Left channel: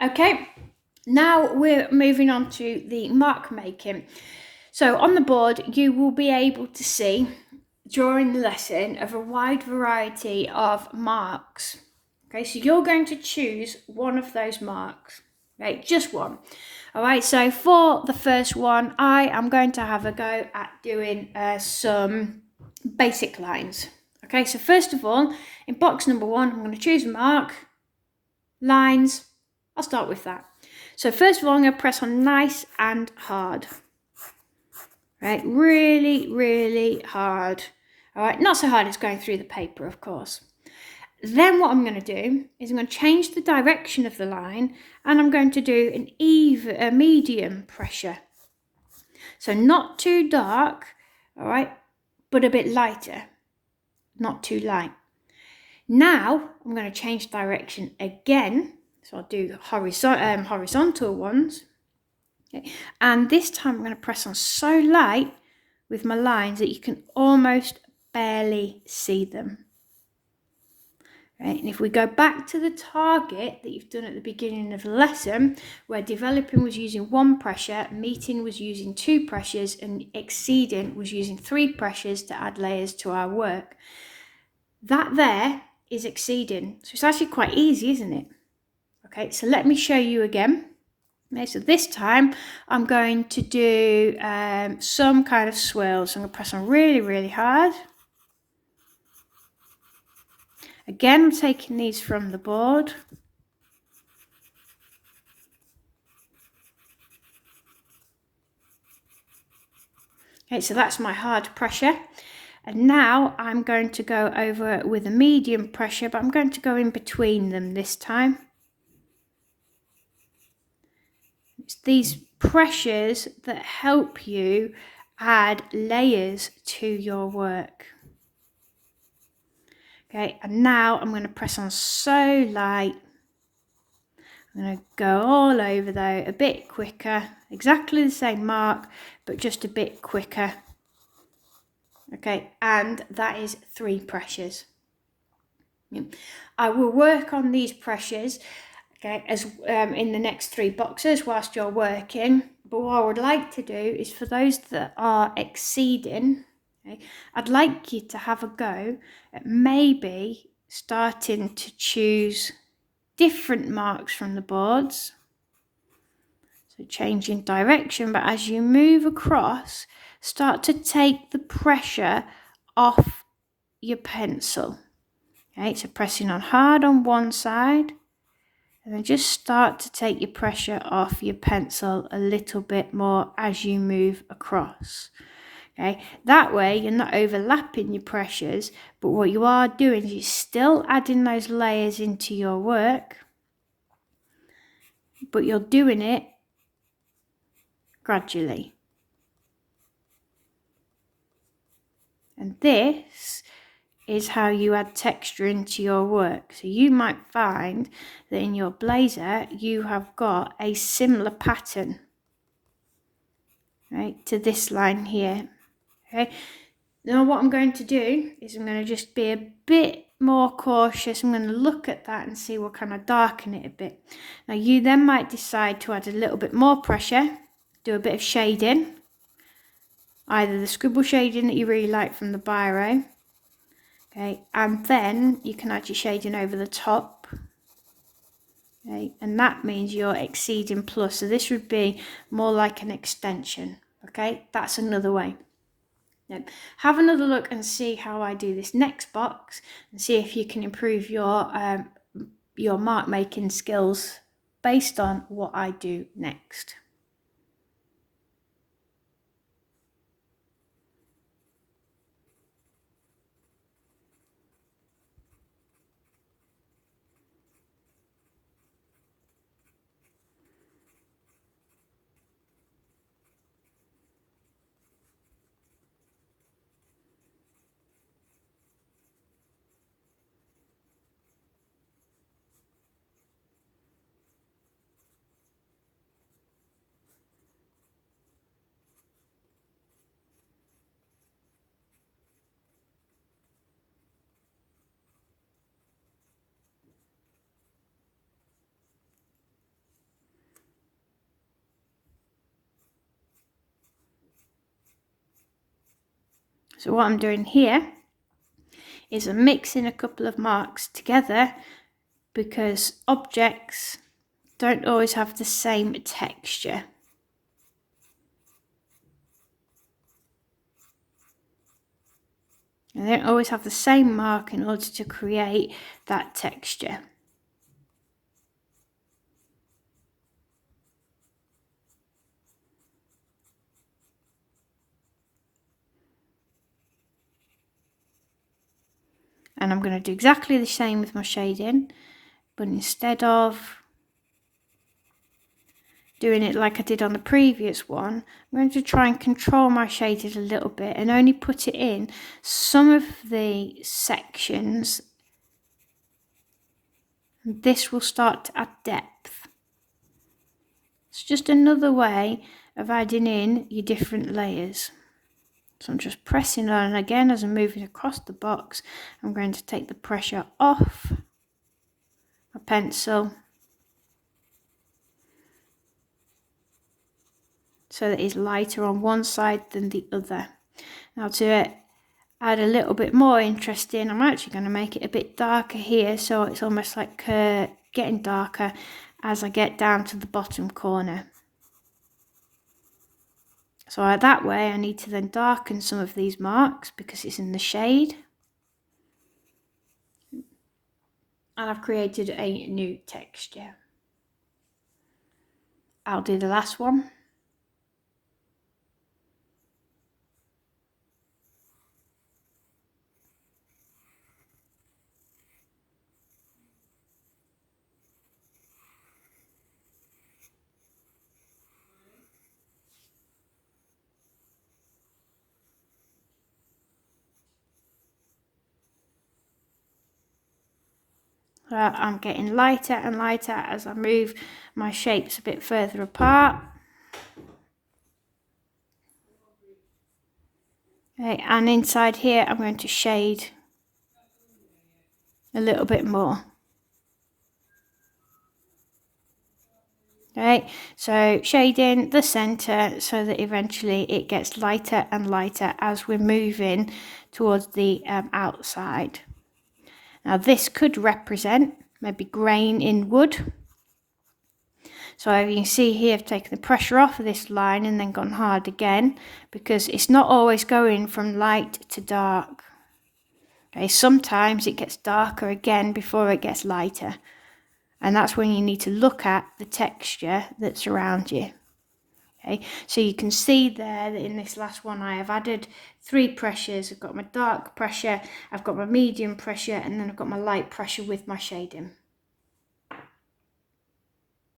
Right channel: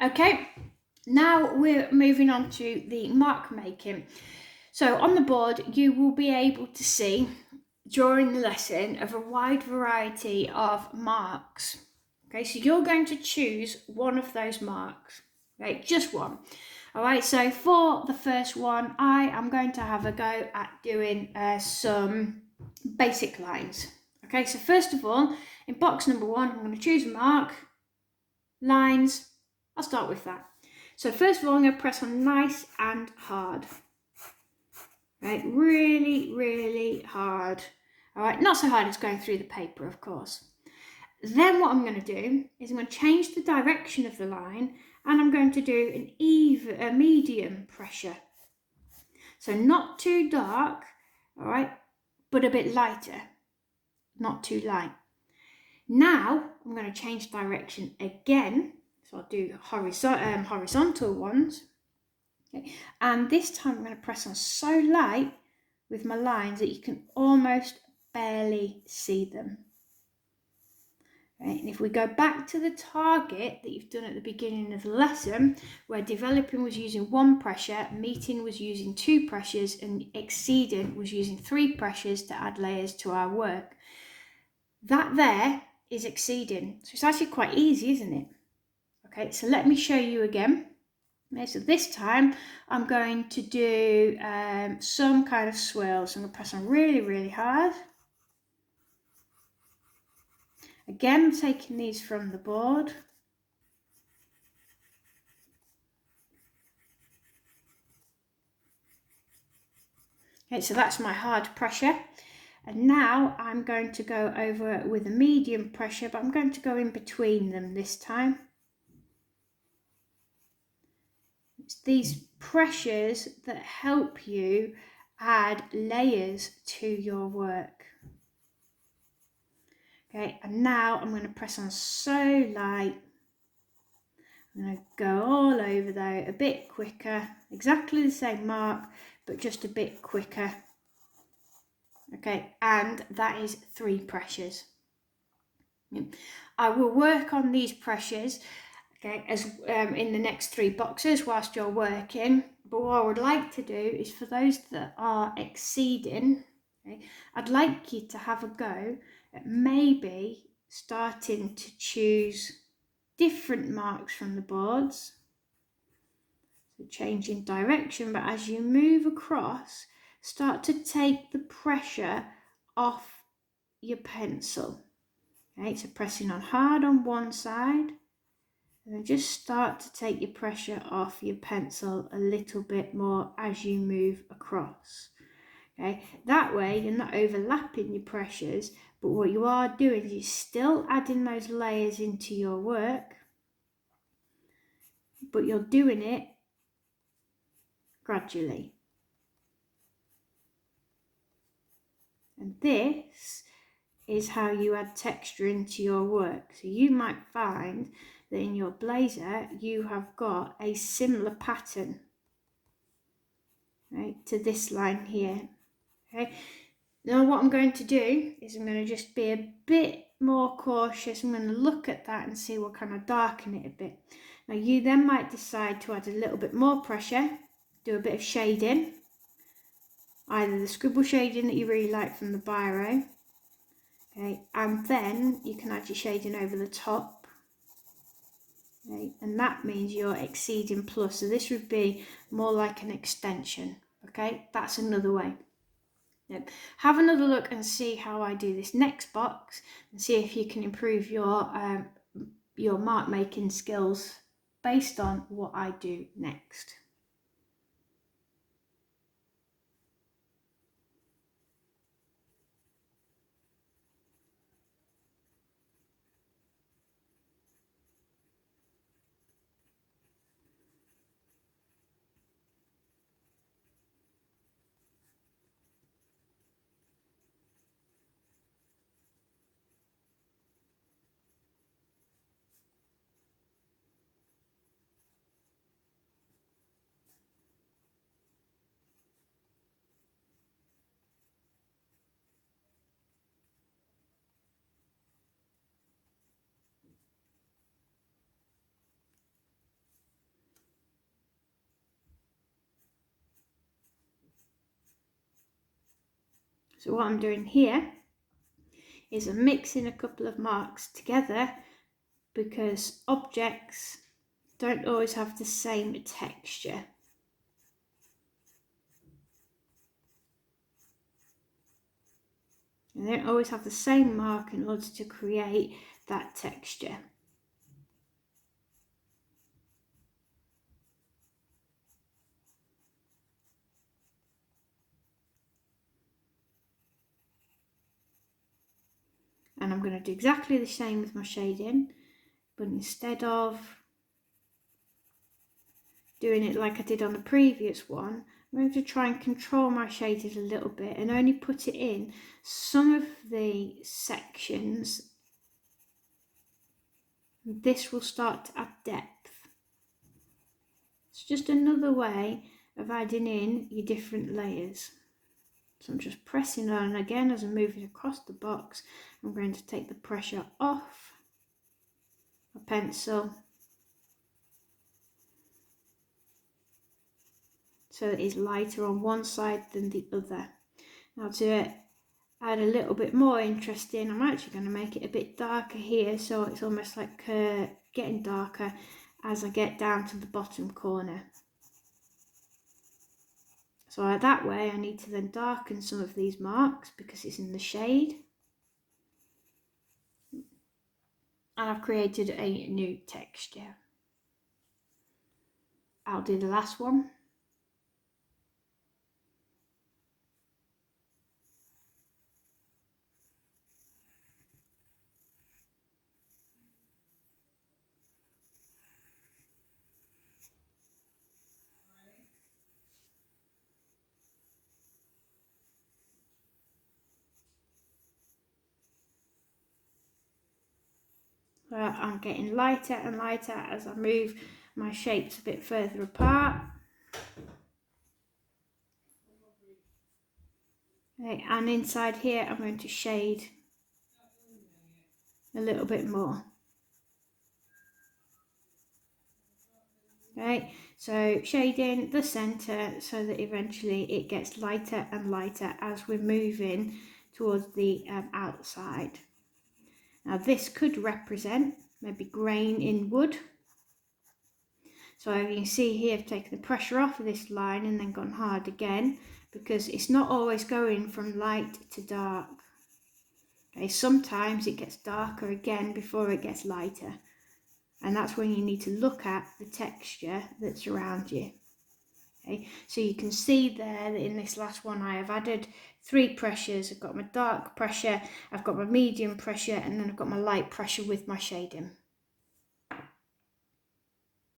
Okay, now we're moving on to the mark making. So on the board, you will be able to see during the lesson of a wide variety of marks. Okay, so you're going to choose one of those marks, right? Just one. All right, so for the first one, I am going to have a go at doing some basic lines. Okay, so first of all, in box number one, I'm going to choose a mark, lines. I'll start with that. So first of all, I'm going to press on nice and hard. Right, really, really hard. All right, not so hard it's going through the paper, of course. Then what I'm going to do is I'm going to change the direction of the line and I'm going to do a medium pressure. So not too dark, all right, but a bit lighter, not too light. Now I'm going to change direction again. So I'll do horizontal ones. Okay. And this time I'm going to press on so light with my lines that you can almost barely see them. Right, and if we go back to the target that you've done at the beginning of the lesson, where developing was using one pressure, meeting was using two pressures, and exceeding was using three pressures to add layers to our work, that there is exceeding. So it's actually quite easy, isn't it? Okay, so let me show you again. Okay, so this time I'm going to do some kind of swirl. So I'm going to press on really, really hard. Again, I'm taking these from the board. Okay, so that's my hard pressure. And now I'm going to go over it with a medium pressure, but I'm going to go in between them this time. It's these pressures that help you add layers to your work. Okay, and now I'm going to press on so light. I'm going to go all over though, a bit quicker, exactly the same mark, but just a bit quicker. Okay, and that is 3 pressures. I will work on these pressures, okay, as in the next 3 boxes whilst you're working. But what I would like to do is for those that are exceeding, okay, I'd like you to have a go at maybe starting to choose different marks from the boards. So changing direction, but as you move across, start to take the pressure off your pencil. Okay, so pressing on hard on one side, and then just start to take your pressure off your pencil a little bit more as you move across. Okay, that way you're not overlapping your pressures, but what you are doing is you're still adding those layers into your work, but you're doing it gradually. And this is how you add texture into your work. So you might find that in your blazer you have got a similar pattern, right, to this line here. Okay, now what I'm going to do is I'm going to just be a bit more cautious. I'm going to look at that and see what kind of darken it a bit. Now you then might decide to add a little bit more pressure, do a bit of shading, either the scribble shading that you really like from the biro, okay, and then you can add your shading over the top. Okay, and that means you're exceeding plus. So this would be more like an extension. Okay, that's another way. Now, have another look and see how I do this next box and see if you can improve your mark making skills based on what I do next. So what I'm doing here is I'm mixing a couple of marks together because objects don't always have the same texture. And they don't always have the same mark in order to create that texture. And I'm going to do exactly the same with my shading, but instead of doing it like I did on the previous one, I'm going to try and control my shading a little bit and only put it in some of the sections. This will start to add depth. It's just another way of adding in your different layers. So I'm just pressing on, and again as I'm moving across the box, I'm going to take the pressure off my pencil so that it's lighter on one side than the other. Now to add a little bit more interest in, I'm actually going to make it a bit darker here, so it's almost like getting darker as I get down to the bottom corner. So that way I need to then darken some of these marks because it's in the shade. And I've created a new texture. I'll do the last one. I'm getting lighter and lighter as I move my shapes a bit further apart. Okay, and inside here I'm going to shade a little bit more. Okay, so shading the center so that eventually it gets lighter and lighter as we're moving towards the outside. Now this could represent maybe grain in wood. So you can see here I've taken the pressure off of this line and then gone hard again because it's not always going from light to dark. Okay, sometimes it gets darker again before it gets lighter. And that's when you need to look at the texture that's around you. Okay, so you can see there that in this last one I have added 3 pressures. I've got my dark pressure, I've got my medium pressure, and then I've got my light pressure with my shading.